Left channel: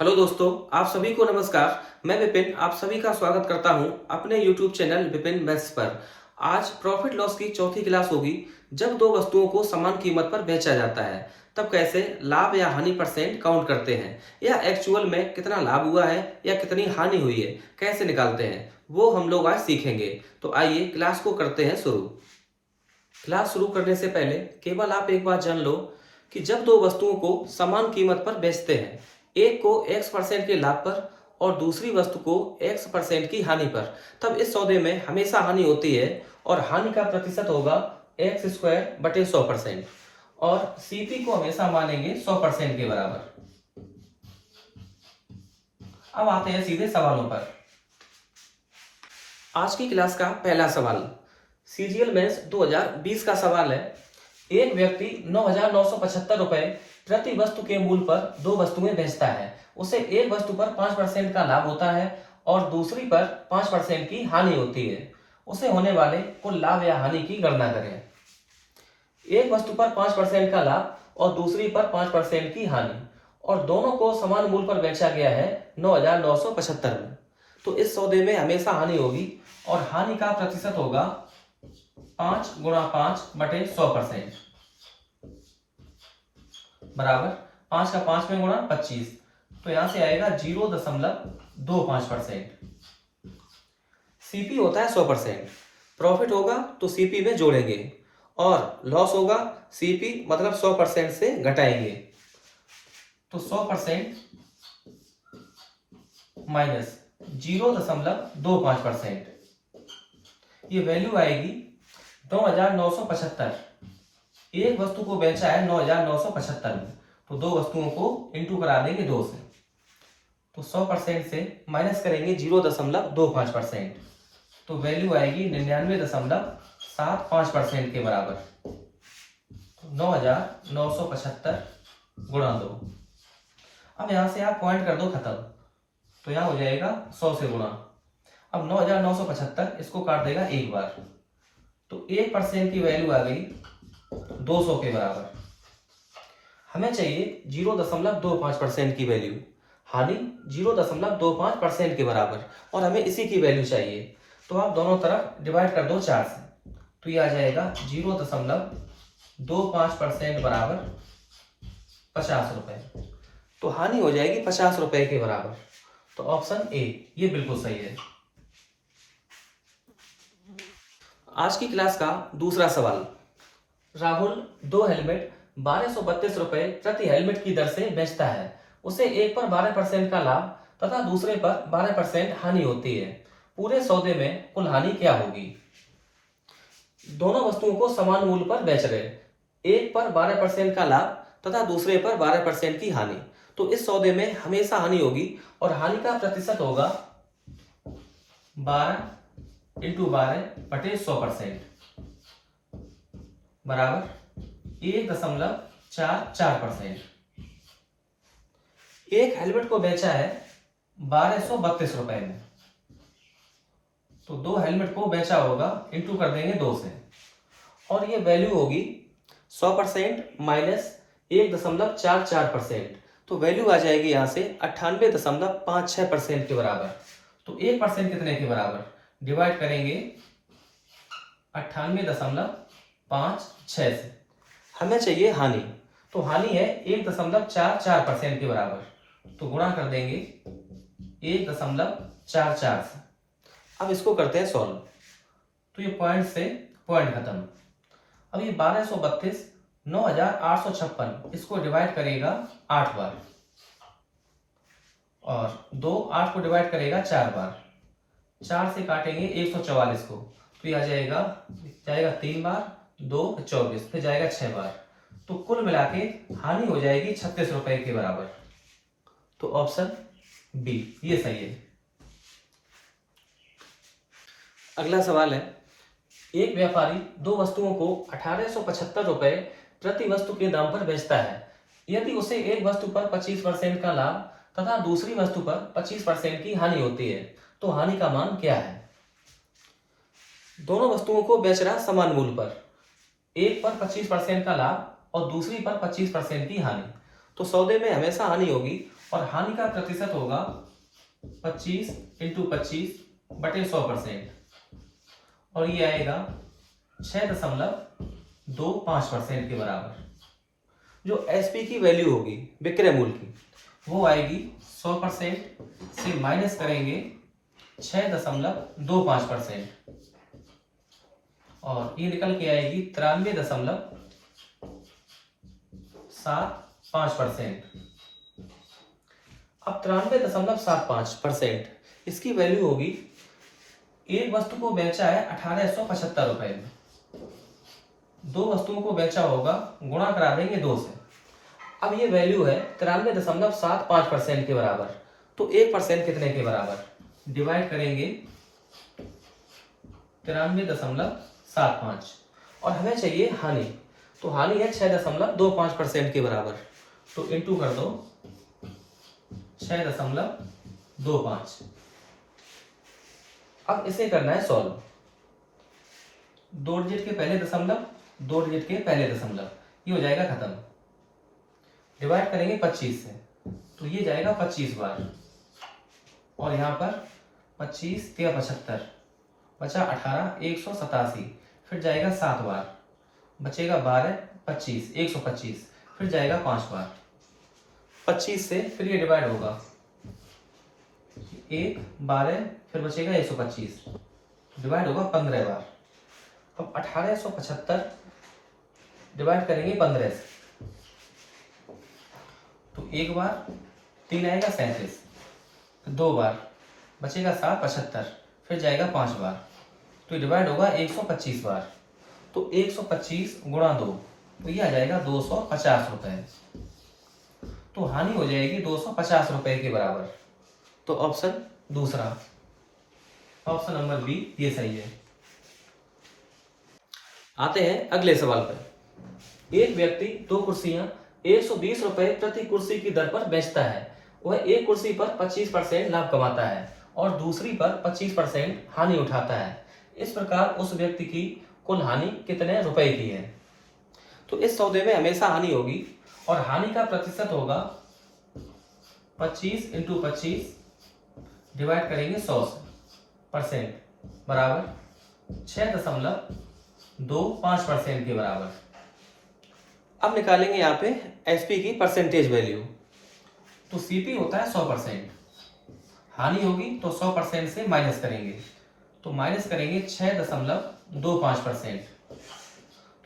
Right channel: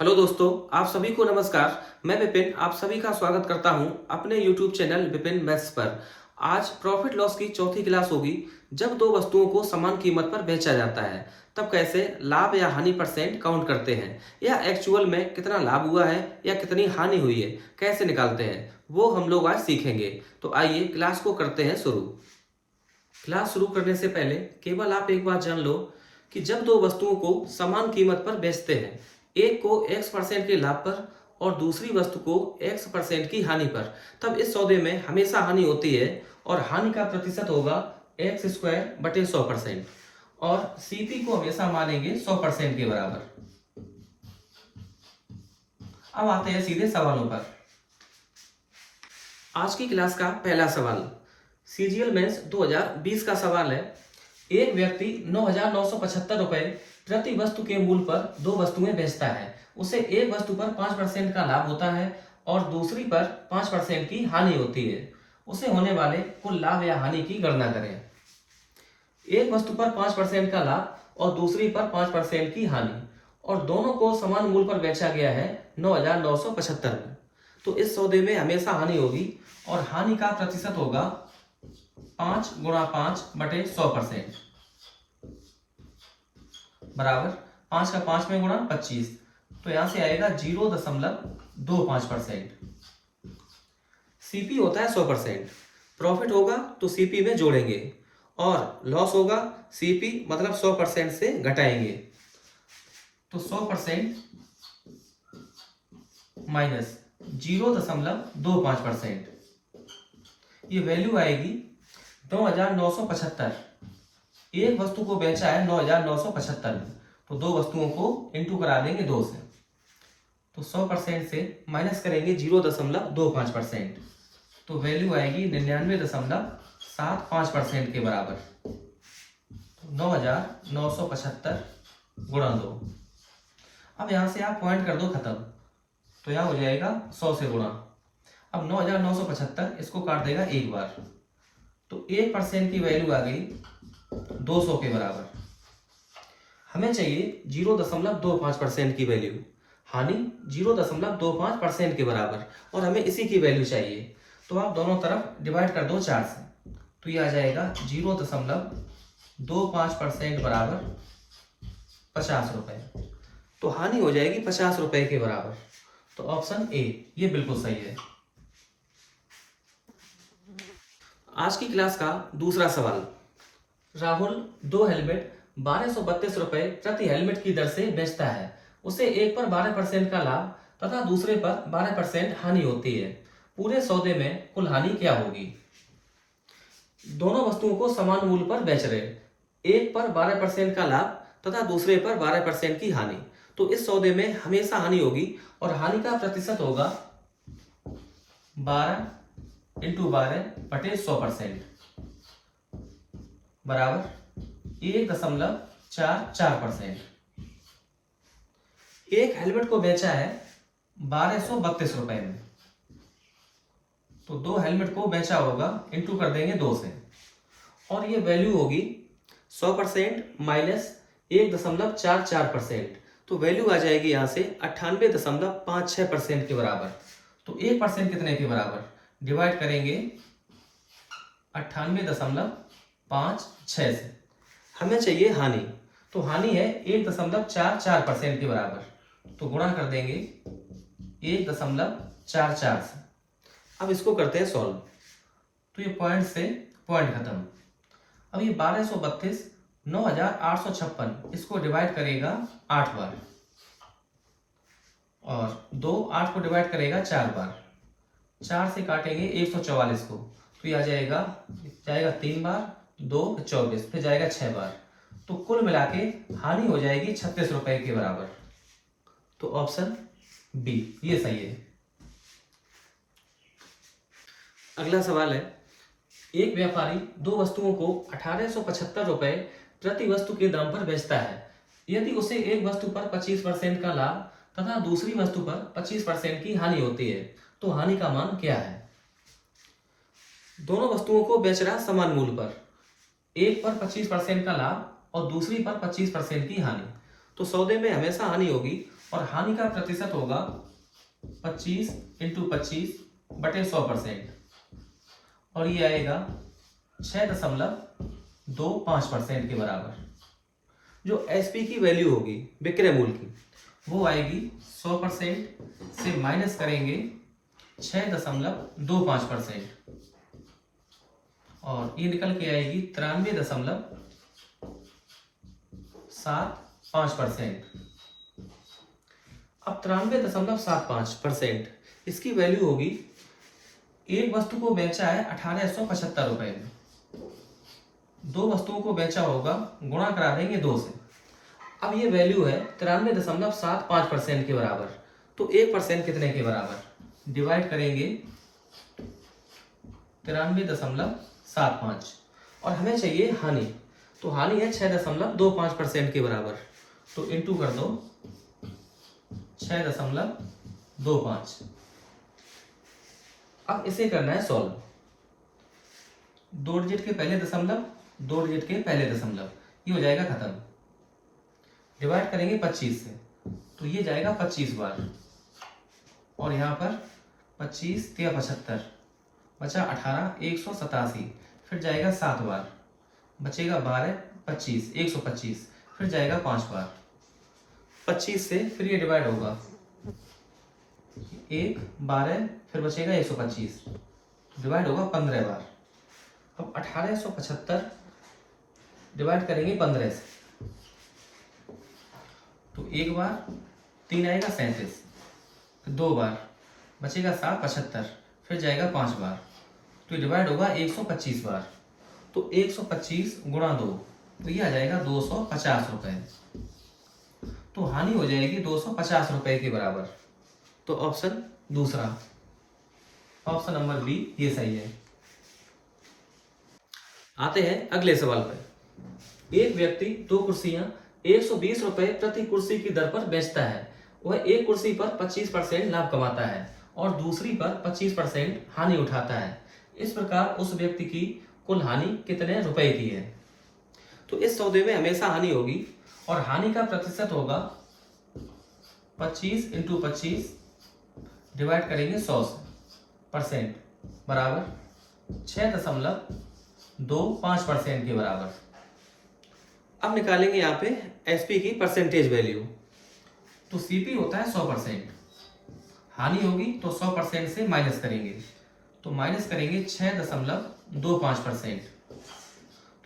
Hello दोस्तों, आप सभी को नमस्कार। मैं विपिन आप सभी का स्वागत करता हूं अपने यूट्यूब चैनल विपिन मैथ्स पर। आज प्रॉफिट लॉस की चौथी क्लास होगी। जब दो वस्तुओं को समान कीमत पर बेचा जाता है तब कैसे लाभ या हानि परसेंट काउंट करते हैं, या एक्चुअल में कितना लाभ हुआ है या कितनी हानि हुई है कैसे निकालते हैं, वो हम लोग आज सीखेंगे। तो आइए क्लास को करते हैं शुरू। क्लास शुरू करने से पहले केवल आप एक बात जान लो कि जब दो वस्तुओं को समान कीमत पर बेचते हैं, एक को x% के लाभ पर और दूसरी वस्तु को x% की हानि पर, तब इस सौदे में हमेशा हानि होती है और हानि का प्रतिशत होगा x²/100%। और CP को हमेशा मानेंगे 100% के बराबर। अब आते हैं सीधे सवालों पर। आज की क्लास का पहला सवाल सीजीएल मेंस 2020 का सवाल है। एक व्यक्ति 9,975 रुपए प्रति वस्तु के मूल्य पर दो वस्तुएं बेचता है। उसे एक वस्तु पर 5% का लाभ होता है और दूसरी पर 5% की हानि होती है। उसे होने वाले कुल लाभ या हानि की गणना करें। एक वस्तु पर 5% का लाभ और दूसरी पर 5% की हानि, और दोनों को समान मूल्य पर बेचा गया है 9,975 में। तो इस सौदे में हमेशा हानि होगी और हानि का प्रतिशत होगा 5 गुणा 5/100% बराबर 5 का 5 में गुणा 25। तो यहां से आएगा 0.25%। सीपी होता है 100%। प्रॉफिट होगा तो सीपी में जोड़ेंगे और लॉस होगा सीपी मतलब 100% से घटाएंगे। तो 100% माइनस 0.25%, ये वैल्यू आएगी 9,975। एक वस्तु को बेचा है 9,975 में, तो दो वस्तुओं को इंटू करा देंगे 2 से। तो 100% से माइनस करेंगे 0.25%, तो वैल्यू आएगी 99.75% के बराबर। तो 9,975 गुणा 2। अब यहां से आप पॉइंट कर दो खत्म, तो यहां हो जाएगा 100 से गुणा। अब 9,975 इसको काट देगा एक बार, तो 1% की वैल्यू आ गई 200 के बराबर। हमें चाहिए 0.25% की वैल्यू, हानि 0.25% के बराबर, और हमें इसी की वैल्यू चाहिए। तो आप दोनों तरफ डिवाइड कर दो 4 से, तो ये आ जाएगा 0.25% बराबर 50 रुपए। तो हानि हो जाएगी 50 रुपए के बराबर। तो ऑप्शन ए ये बिल्कुल सही है। आज की क्लास का दूसरा सवाल, राहुल दो हेलमेट 1232 रुपए प्रति हेलमेट की दर से बेचता है। उसे एक पर 12% का लाभ तथा दूसरे पर 12% हानि होती है। पूरे सौदे में कुल हानि क्या होगी? दोनों वस्तुओं को समान मूल्य पर बेच रहे, एक पर 12% का लाभ तथा दूसरे पर 12% की हानि। तो इस सौदे में हमेशा हानि होगी और हानि का प्रतिशत होगा 12 × 12/100% बराबर 1.44%। एक हेलमेट को बेचा है 1232 रुपए में, तो दो हेलमेट को बेचा होगा, इंटू कर देंगे 2 से, और ये वैल्यू होगी 100% माइनस 1.44%। तो वैल्यू आ जाएगी यहां से 98.56% के बराबर। तो 1% कितने के बराबर? डिवाइड करेंगे 98.56 से। हमें चाहिए हानि, तो हानि है 1.44% के बराबर, तो गुणा कर देंगे 1.44 से। अब इसको करते हैं सॉल्व, तो ये पॉइंट से पॉइंट खत्म। अब ये 1232 9,856 इसको डिवाइड करेगा 8 बार, और 2 8 को डिवाइड करेगा 4 बार। 4 से काटेंगे 144 को, तो ये आ जाएगा 3 बार, 2 24, फिर जाएगा 6 बार। तो कुल मिला के हानि हो जाएगी 36 रुपए के बराबर। तो ऑप्शन बी ये सही है। अगला सवाल है, एक व्यापारी दो वस्तुओं को 1875 रुपए प्रति वस्तु के दाम पर बेचता है। यदि उसे एक वस्तु पर 25% का लाभ तथा दूसरी वस्तु पर 25% की हानि होती है, तो हानि का मान क्या है? दोनों वस्तुओं को बेच रहा समान मूल्य पर, एक पर 25% का लाभ और दूसरी पर 25% की हानि। तो सौदे में हमेशा हानि होगी और हानि का प्रतिशत होगा 25 इंटू 25/100%, और ये आएगा 6.25% के बराबर। जो एसपी की वैल्यू होगी विक्रय मूल्य की, वो आएगी 100% से माइनस करेंगे 6.25%, और ये निकल के आएगी 93.75%। अब 93.75% इसकी वैल्यू होगी, एक वस्तु को बेचा है 1875 रुपए में, दो वस्तुओं को बेचा होगा, गुणा करा देंगे 2 से। अब ये वैल्यू है 93.75% के बराबर, तो 1% कितने के बराबर, डिवाइड करेंगे 93.75, और हमें चाहिए हानि, तो हानि है 6.25% के बराबर, तो इंटू कर दो 6.25। अब इसे करना है सॉल्व, 2 डिजिट के पहले दशमलव, 2 डिजिट के पहले दशमलव, ये हो जाएगा खत्म। डिवाइड करेंगे 25 से, तो ये जाएगा 25 बार, और यहाँ पर 25 या 75 बचा 18, 187, फिर जाएगा 7 बार, बचेगा 12, 25, 125, फिर जाएगा 5 बार। 25 से फिर ये डिवाइड होगा 1, 12, फिर बचेगा 125, डिवाइड होगा 15 बार। अब 1875 डिवाइड करेंगे 15 से, तो 1 बार, 3 आएगा 37, फिर 2 बार, बचेगा 7, 75, फिर जाएगा 5 बार, तो डिवाइड होगा 125 बार। तो 125 गुणा 2, तो ये आ जाएगा 250 रुपए, तो हानि हो जाएगी 250 रुपए के बराबर। तो ऑप्शन दूसरा, ऑप्शन नंबर बी, ये सही है। आते हैं अगले सवाल पर। एक व्यक्ति 2 कुर्सियां 120 रुपए प्रति कुर्सी की दर पर बेचता है। वह एक कुर्सी पर 25% लाभ कमाता है और दूसरी पर 25% हानि उठाता है। इस प्रकार उस व्यक्ति की कुल हानि कितने रुपए की है? तो इस सौदे में हमेशा हानि होगी, और हानि का प्रतिशत होगा 25 इंटू 25 डिवाइड करेंगे 100% बराबर 6.25% के बराबर। अब निकालेंगे यहाँ पे एसपी की परसेंटेज वैल्यू। तो सीपी होता है 100%, हानि होगी तो 100% से माइनस करेंगे, तो माइनस करेंगे 6.25%,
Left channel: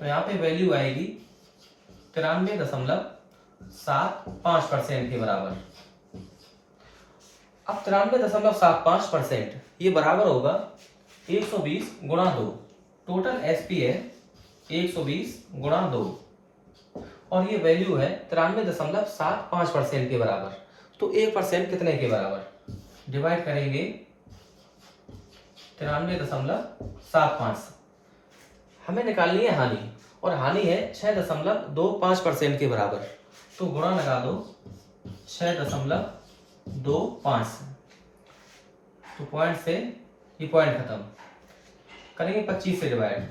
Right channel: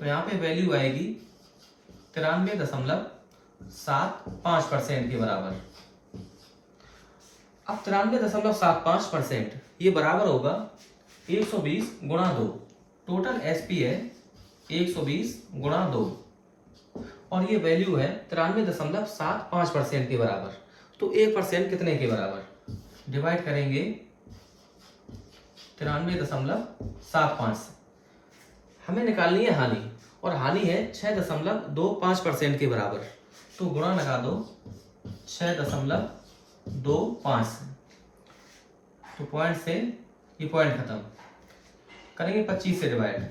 तो यहाँ पे वैल्यू आएगी 93.75% के बराबर। अब 93.75% ये बराबर होगा 120 गुणा 2, टोटल एसपी है 120 गुणा 2, और ये वैल्यू है 93.75% के बराबर। तो 1% कितने के बराबर, डिवाइड करेंगे 93.75। हमें निकालनी है हानि, और हानि है 6.25% के बराबर, तो गुणा लगा दो 6.25, तो पॉइंट से ये पॉइंट खत्म करेंगे 25 से डिवाइड,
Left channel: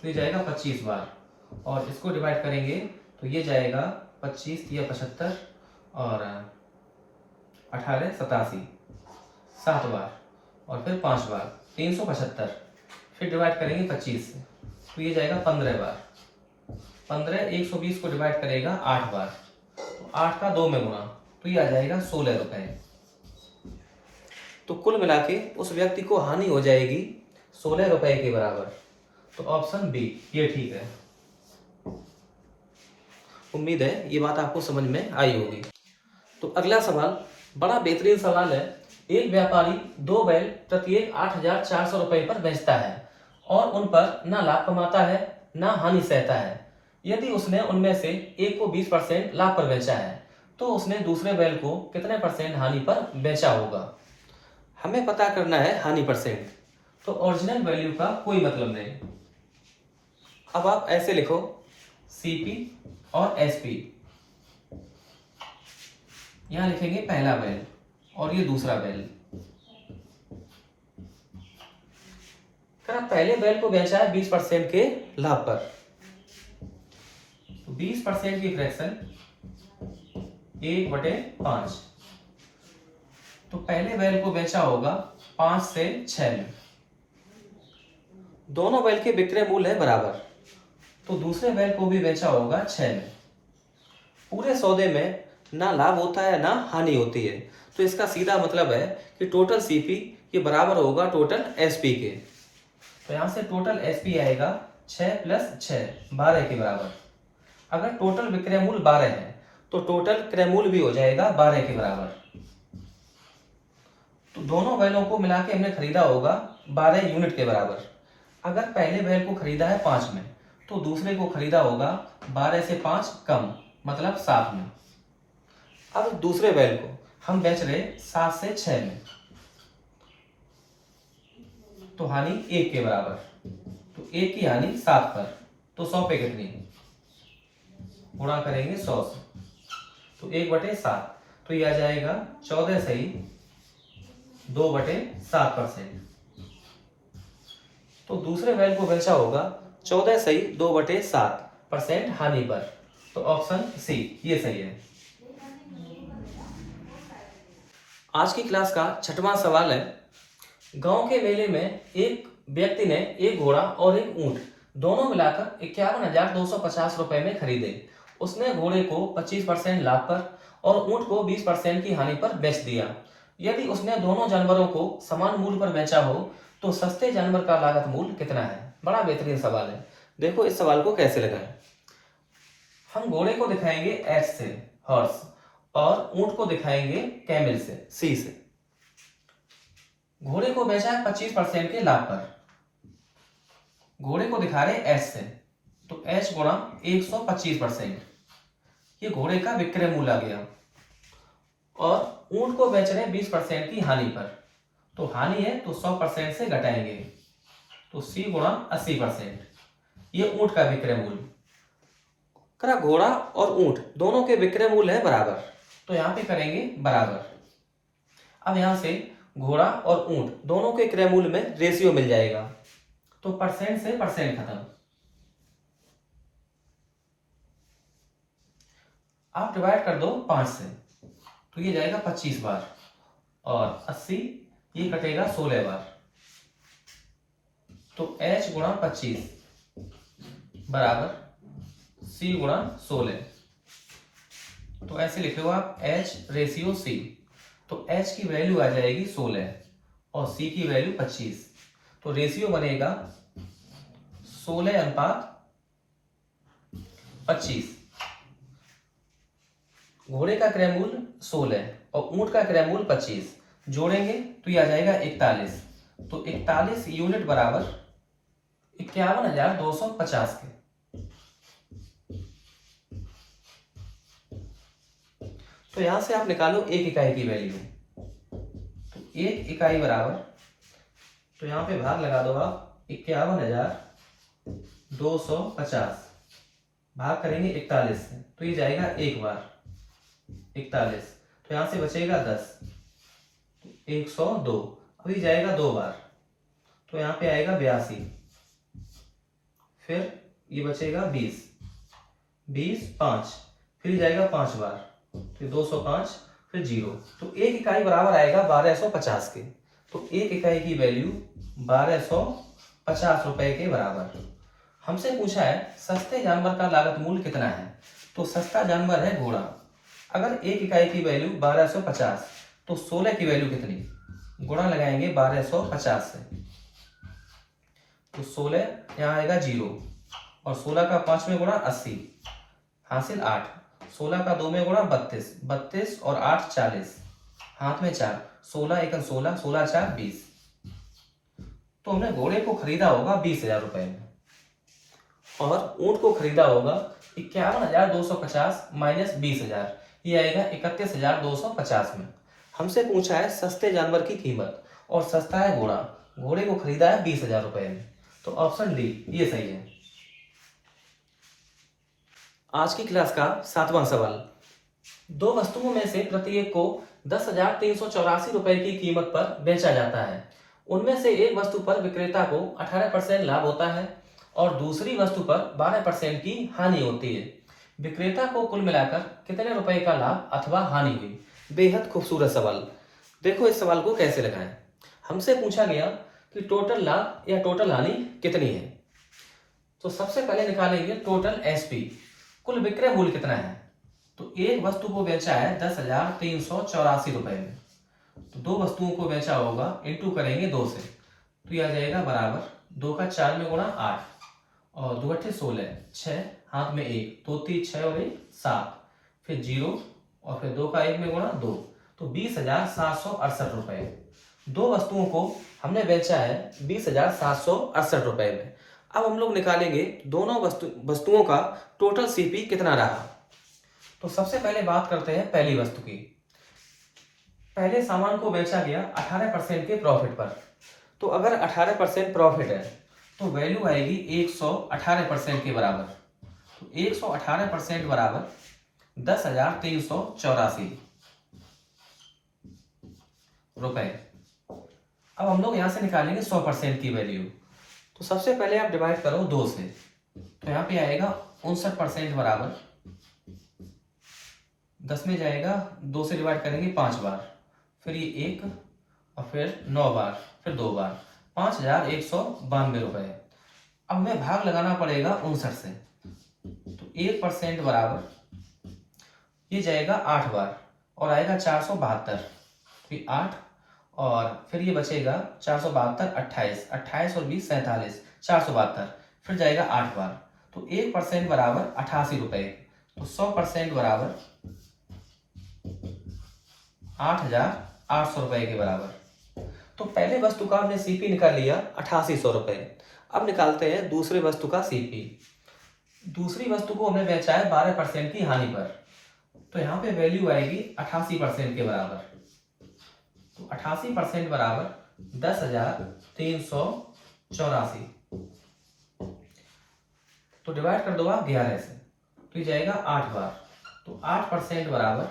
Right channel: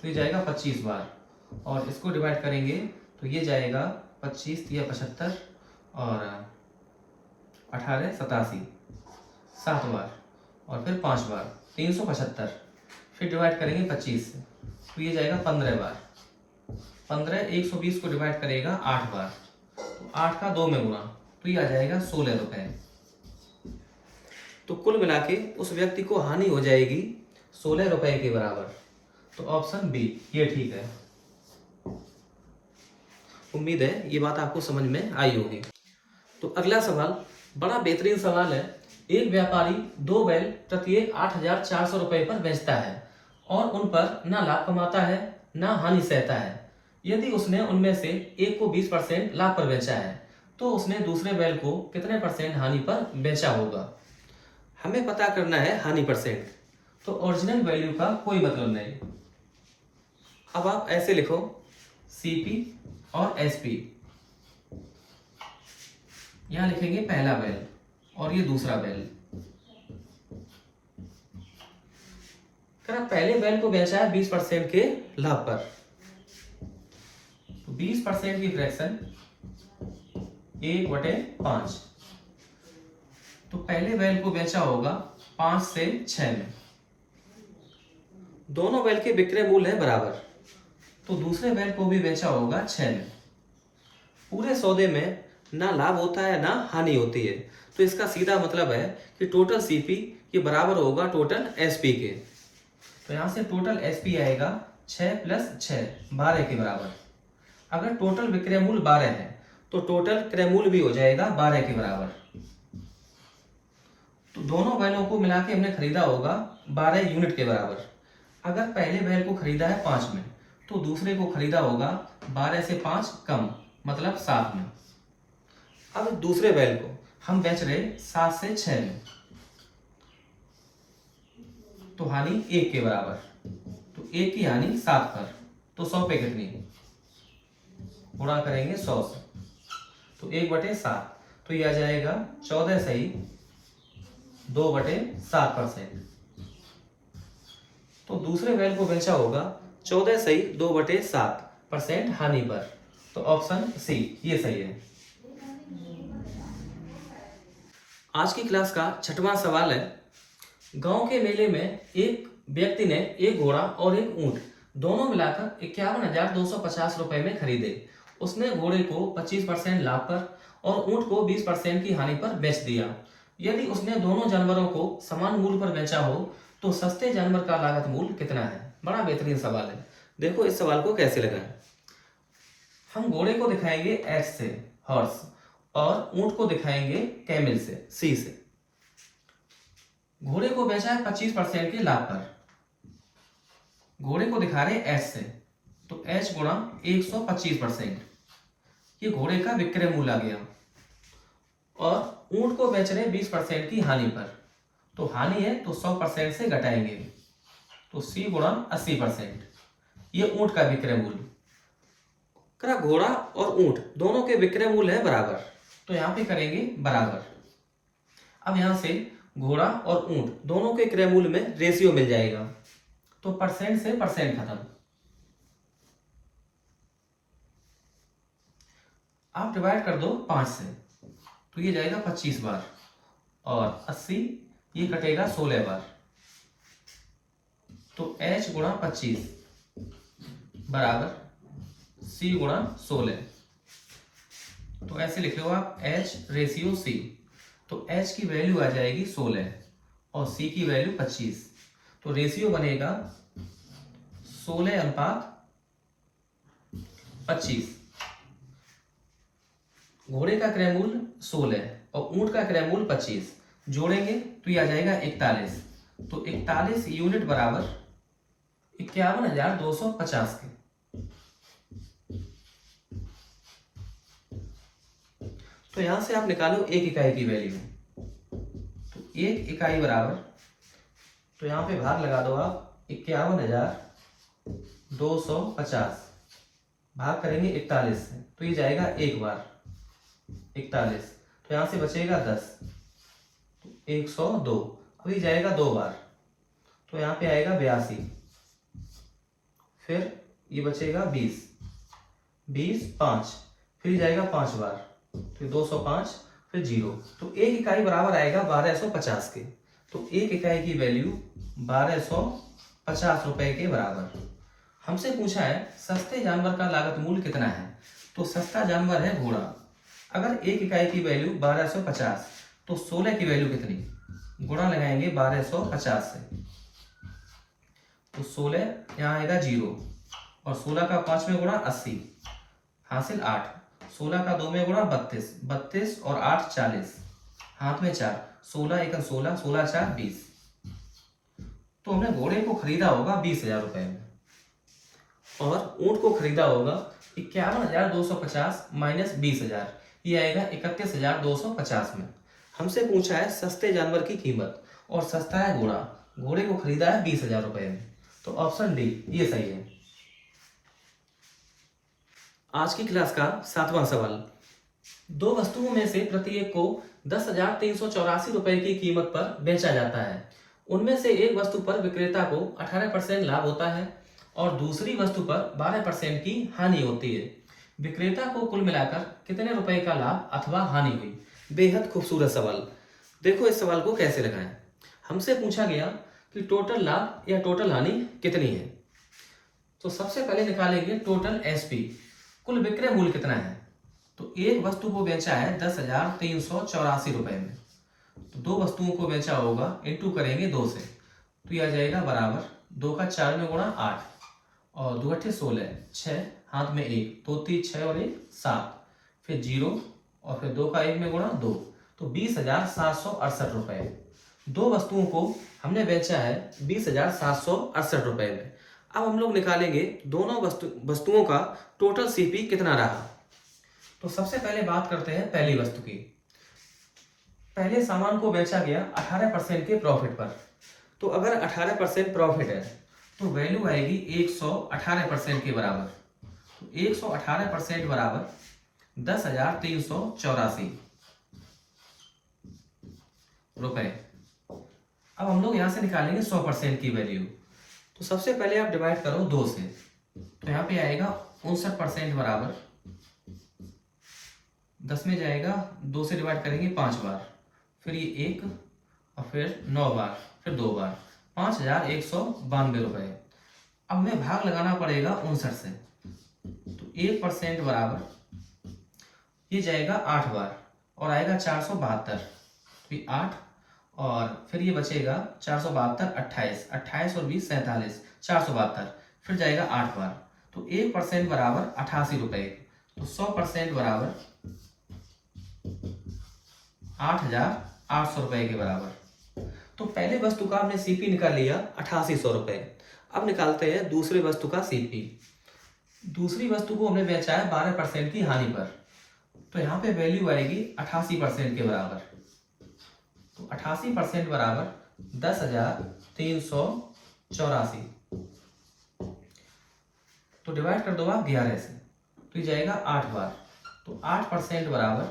तो ये जाएगा 25 बार, और इसको डिवाइड करेंगे तो ये जाएगा 25 या 75 और 18 87, 7 बार और फिर 5 बार 375, फिर डिवाइड करेंगे 25 से, तो ये जाएगा 15 बार। 15 120 को डिवाइड करेगा 8 बार, तो 8 का 2 में गुणा, तो ये आ जाएगा 16 रुपए। तो कुल मिला के उस व्यक्ति को हानि हो जाएगी 16 रुपए के बराबर। तो ऑप्शन बी ये ठीक है। उम्मीद है ये बात आपको समझ में आई होगी। तो अगला सवाल बड़ा बेहतरीन सवाल है। एक व्यापारी 2 बैल प्रत्येक 8,400 रुपए पर बेचता है और उन पर ना लाभ कमाता है ना हानि सहता है। यदि उसने उनमें से एक को 20% लाभ पर बेचा है तो उसने दूसरे बैल को कितने % हानि पर बेचा होगा? हमें पता करना है हानि %। तो ओरिजिनल वैल्यू का कोई मतलब नहीं। अब आप ऐसे लिखो सीपी और एसपी, यहां लिखेंगे पहला बैल और ये दूसरा बैल। पहले बैल को बेचा है 20% के लाभ पर, तो 20% की फ्रैक्शन 1/5, तो पहले बैल को बेचा होगा 5 से 6 में। दोनों बैल के विक्रय मूल्य है बराबर, तो दूसरे बैल को भी बेचा होगा 6 में। पूरे सौदे में ना लाभ होता है ना हानि होती है, तो इसका सीधा मतलब है कि टोटल सीपी ये बराबर होगा टोटल एसपी के। तो यहां से टोटल एसपी आएगा 6 प्लस 6 12 के बराबर। अगर टोटल विक्रय मूल्य 12 है तो टोटल क्रय मूल्य भी हो जाएगा 12 के बराबर। तो दोनों बैलों को मिला के हमने खरीदा होगा 12 यूनिट के बराबर। अगर पहले बैल को खरीदा है 5 में तो दूसरे को खरीदा होगा 12 से 5 कम, मतलब 7 में। अब दूसरे बैल को हम बेच रहे 7 से 6 में, तो हानि 1 के बराबर। तो 1 की हानि 7 पर, तो 100 पे कितनी गुणा करेंगे 100 से, तो 1/7, तो ये आ जाएगा 14 सही 2/7%। तो दूसरे बैल को बेचा होगा 14 सही 2/7% हानि पर, तो ऑप्शन सी ये सही है। आज की क्लास का 6वां सवाल है, गांव के मेले में एक व्यक्ति ने एक घोड़ा और एक ऊंट दोनों मिलाकर 51,250 रुपए में खरीदे। उसने घोड़े को 25% लाभ पर और ऊंट को 20% की हानि पर बेच दिया। यदि उसने दोनों जानवरों को समान मूल्य पर बेचा हो तो सस्ते जानवर का लागत मूल्य कितना है? बड़ा बेहतरीन सवाल है। देखो इस सवाल को कैसे लगाएं। हम घोड़े को दिखाएंगे एच से, हॉर्स, और ऊंट को दिखाएंगे कैमल से, सी से। घोड़े को बेचा है 25% के लाभ पर, घोड़े को दिखा रहे एच से, तो एच गुणा 125%, ये घोड़े का विक्रय मूल्य आ गया। और ऊंट को बेच रहे 20% की हानि पर, तो हानि है तो 100% से घटाएंगे, तो सी गुणा 80%, ये ऊंट का विक्रय मूल्य। करा घोड़ा और ऊंट दोनों के विक्रय मूल्य है बराबर, तो यहां पे करेंगे बराबर। अब यहां से घोड़ा और ऊंट दोनों के क्रय मूल्य में रेशियो मिल जाएगा, तो परसेंट से परसेंट खत्म। आप डिवाइड कर दो 5 से, तो ये जाएगा 25 बार, और 80 ये कटेगा 16 बार, तो h गुणा 25 बराबर c गुणा 16। तो ऐसे लिखे हो आप h रेशियो c, तो h की वैल्यू आ जाएगी 16 और c की वैल्यू 25, तो रेशियो बनेगा 16:25। घोड़े का क्रय मूल्य 16 और ऊंट का क्रय मूल्य 25, जोड़ेंगे तो ये आ जाएगा 41, तो 41 यूनिट बराबर 51,250 के। तो यहां से आप निकालो एक इकाई की वैल्यू, तो एक इकाई बराबर, तो यहां पे भाग लगा दो आप 51,250 भाग करेंगे 41 से, तो ये जाएगा एक बार 41, तो यहां से बचेगा 10, तो 102, अभी जाएगा 2 बार, तो यहां पे आएगा 82, फिर ये बचेगा 20, 5, फिर जाएगा 5 बार, तो 205, फिर 0, तो एक इकाई बराबर आएगा 1250 के। तो एक इकाई की वैल्यू 1250 रुपए के बराबर। हमसे पूछा है सस्ते जानवर का लागत मूल्य कितना है, तो सस्ता जानवर है घोड़ा। अगर एक इकाई की वैल्यू 1250, तो 16 की वैल्यू कितनी, गुणा लगाएंगे 1250 से, तो 16 यहाँ आएगा 0, और 16 का 5 में गुणा 80, हासिल 8, 16 का 2 में गुणा 32, 32 और 8 40, हाथ में 4, 16 1 16, 16 4 20। तो हमने घोड़े को खरीदा होगा 20,000 रुपए में, और ऊंट को खरीदा होगा 51,250 माइनस 20,000, ये आएगा 31,250 में। हमसे पूछा है सस्ते जानवर की कीमत, और सस्ता है घोड़ा, घोड़े को खरीदा है 20,000 रुपए में, तो ऑप्शन डी ये सही है। आज की क्लास का 7वां सवाल, दो वस्तुओं में से प्रत्येक को 10,384 रुपए की कीमत पर बेचा जाता है। उनमें से एक वस्तु पर विक्रेता को 18% लाभ होता है और दूसरी वस्तु पर 12% की हानि होती है। विक्रेता को कुल मिलाकर कितने रुपए का लाभ अथवा हानि हुई? बेहद खूबसूरत सवाल। देखो इस सवाल को कैसे लगाएं। हमसे पूछा गया कि टोटल लाभ या टोटल हानि कितनी है। तो सबसे पहले निकालेंगे टोटल एसपी, कुल विक्रय मूल्य कितना है। तो एक वस्तु को बेचा है 10,384 रुपए में, तो दो वस्तुओं को बेचा होगा, इंटू करेंगे 2 से, तो यह आ जाएगा बराबर 2 का 4 में गुणा 8 और 2 अट्ठे 16, 6 हाथ में 1, 2 3 6 और 1 7, फिर 0 और फिर 2 का 1 में गुणा 2, तो 20,768 रुपए। दो वस्तुओं को हमने बेचा है 20,768 रुपए में। अब हम लोग निकालेंगे दोनों वस्तुओं का टोटल सीपी कितना रहा। तो सबसे पहले बात करते हैं पहली वस्तु की। पहले सामान को बेचा गया 18% के प्रॉफिट पर। तो अगर 18% प्रॉफिट है तो वैल्यू आएगी 118% के बराबर। तो 118% बराबर 10,384 रुपए। अब हम लोग यहां से निकालेंगे 100% की वैल्यू। तो सबसे पहले आप डिवाइड करो 2 से, तो यहाँ पे आएगा 59% बराबर 10 में जाएगा, 2 से डिवाइड करेंगे 5 बार, फिर ये 1 और फिर 9 बार, फिर 2 बार, 5,192 रुपए। अब हमें भाग लगाना पड़ेगा 59 से, तो 1% बराबर ये जाएगा 8 बार और आएगा 472, फिर 8 और फिर ये बचेगा 472, 28, 28 और 20 47, 472, फिर जाएगा 8 बार, तो 1% बराबर 88 रुपए। तो 100% बराबर 8,800 रुपए के बराबर। तो पहले वस्तु का हमने सीपी निकाल लिया 8800 रुपए। अब निकालते हैं दूसरी वस्तु का सीपी। दूसरी वस्तु को हमने बेचा है 12% की हानि पर, तो यहाँ पे वैल्यू आएगी 88% के बराबर। तो 88% बराबर 10,384। तो डिवाइड कर दो आप 11 से, तो ये जाएगा 8 बार, तो 8% बराबर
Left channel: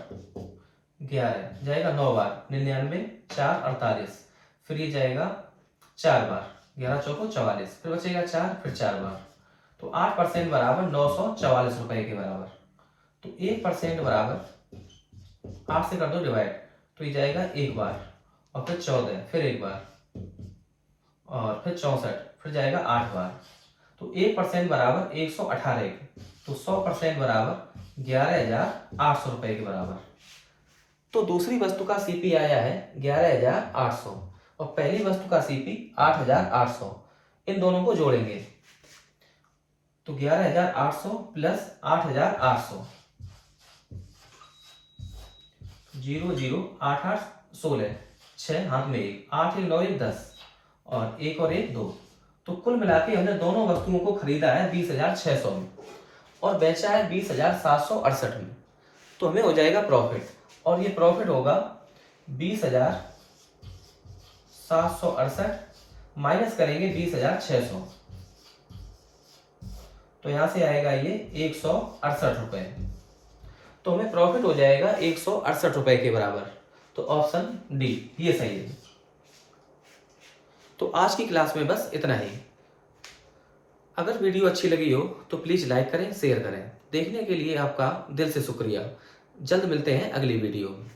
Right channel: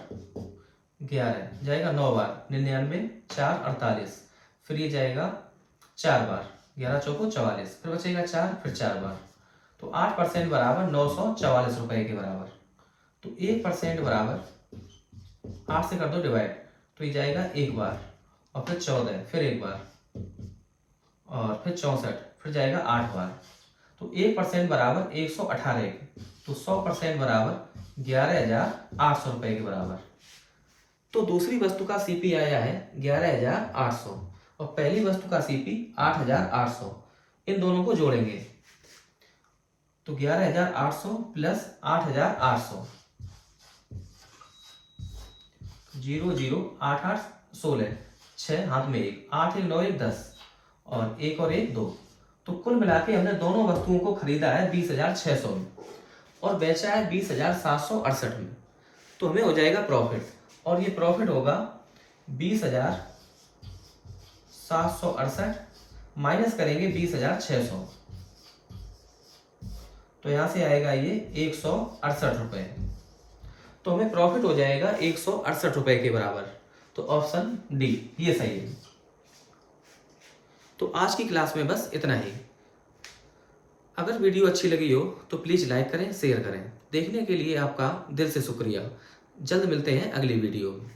11 जाएगा 9 बार, 99, 4 48, फिर ये जाएगा 4 बार, 11 चौको 44, फिर बचेगा 4, फिर 4 बार, तो 8% बराबर 944 रुपए के बराबर। तो 1% बराबर 8 से कर दो डिवाइड, तो ये जाएगा 1 बार और फिर 14, फिर 1 बार और फिर 64, फिर जाएगा 8 बार, तो 1% बराबर 118। तो 100% बराबर 11,800 रुपए के बराबर। तो दूसरी वस्तु का सीपी आया है 11,800 और पहली वस्तु का सीपी 8,800। इन दोनों को जोड़ेंगे तो 11,800 प्लस 8,800, 0 0 8 8 16, 6 हाथ में 1, 8 1 9 1 10 और 1 और 1 2। तो कुल मिला के हमने दोनों वस्तुओं को खरीदा है 20,600 में और बेचा है 20,768 में। तो हमें हो जाएगा प्रॉफिट, और ये प्रॉफिट होगा 20,768 माइनस करेंगे 20,600, तो यहां से आएगा ये 168 रुपए। तो हमें प्रॉफिट हो जाएगा 168 रुपए के बराबर। तो ऑप्शन डी ये सही है। तो आज की क्लास में बस इतना ही। अगर वीडियो अच्छी लगी हो तो प्लीज़ लाइक करें, शेयर करें। देखने के लिए आपका दिल से शुक्रिया। जल्द मिलते हैं अगली वीडियो में।